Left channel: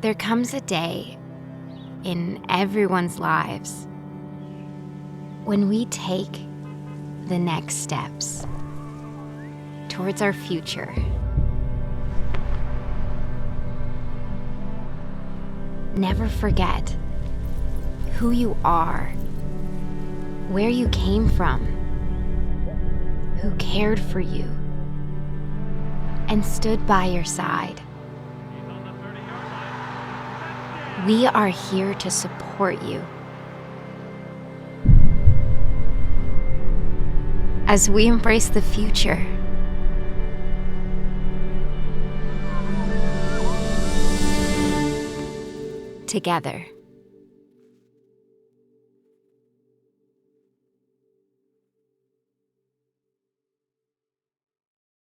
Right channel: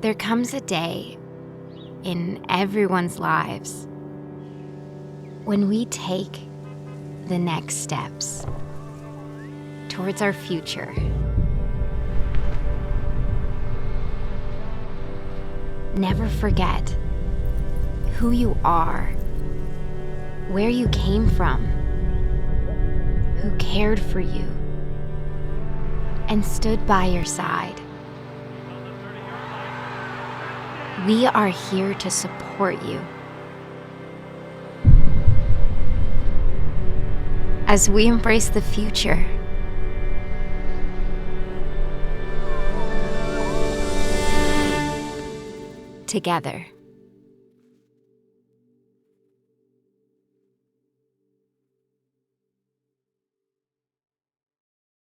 There comes a day in everyone's lives when we take the next steps towards our future. Never forget who you are, where you came from, who cared for you, and stood by your side. We are here to support you as we embrace the future. Together.